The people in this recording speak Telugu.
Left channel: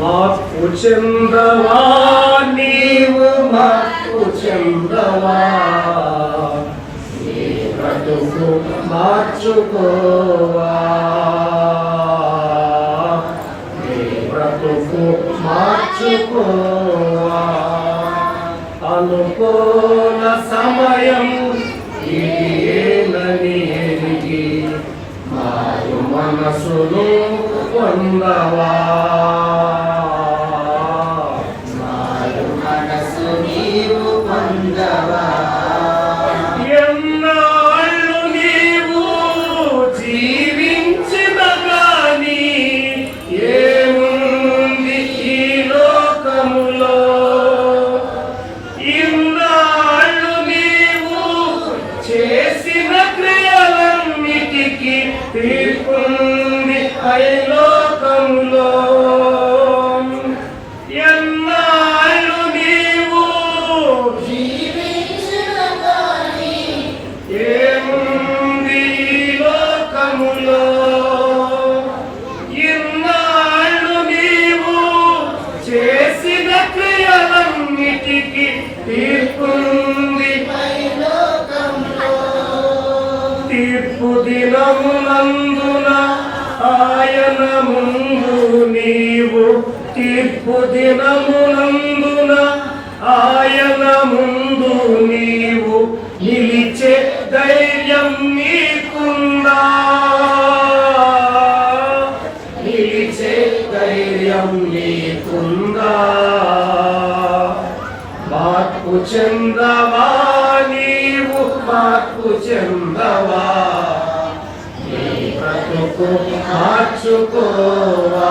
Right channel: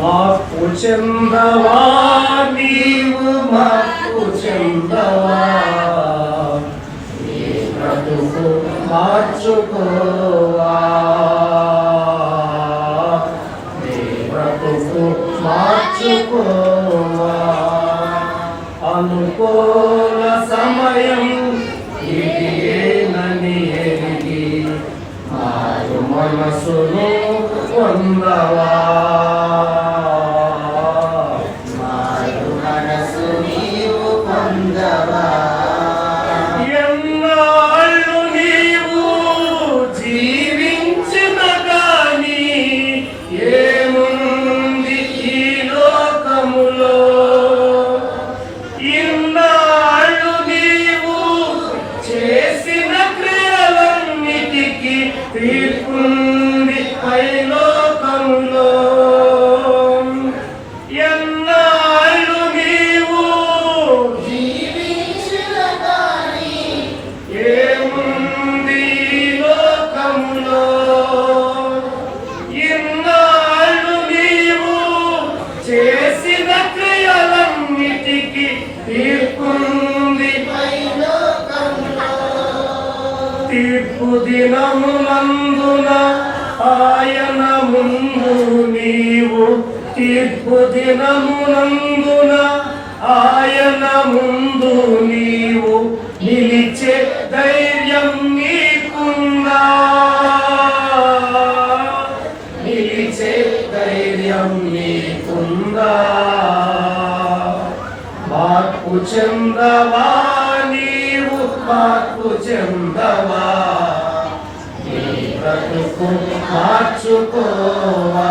మార్పు చెందవా నీవు మార్పు చెందవా నీ బ్రతుకు మార్చుకోవా నీ బ్రతుకు మార్చుకోవా అనుకూల సమయం ఇదేనని ఎరిగి మారు మనసును పొందవా మారు మనసు నీవు పొందవా ఎన్నాళ్ళు నీవు జీవించిన గాని ఏముంది ఈ లోకములో ఇన్నాళ్ళు నీవు చేసిన క్రియలన్నిటికీ తీర్పుంది ఐ లోకములో ఎన్నాళ్ళు నీవు జీవించిన గాని ఏముంది ఈ లోకములో ఇన్నాళ్ళు నీవు చేసిన క్రియలన్నిటికీ తీర్పుంది పై లోకములో తీర్పు దినమునందున ఆయన ముందు నీవు తీర్పు దినమునందున ఆయన ముందు నీవు నిలిచే ధైర్యం నీకుందా నిలిచే ధైర్యం నీకుందా మార్పు చెందవా నీవు మార్పు చెందవా నీ బ్రతుకు మార్చుకోవా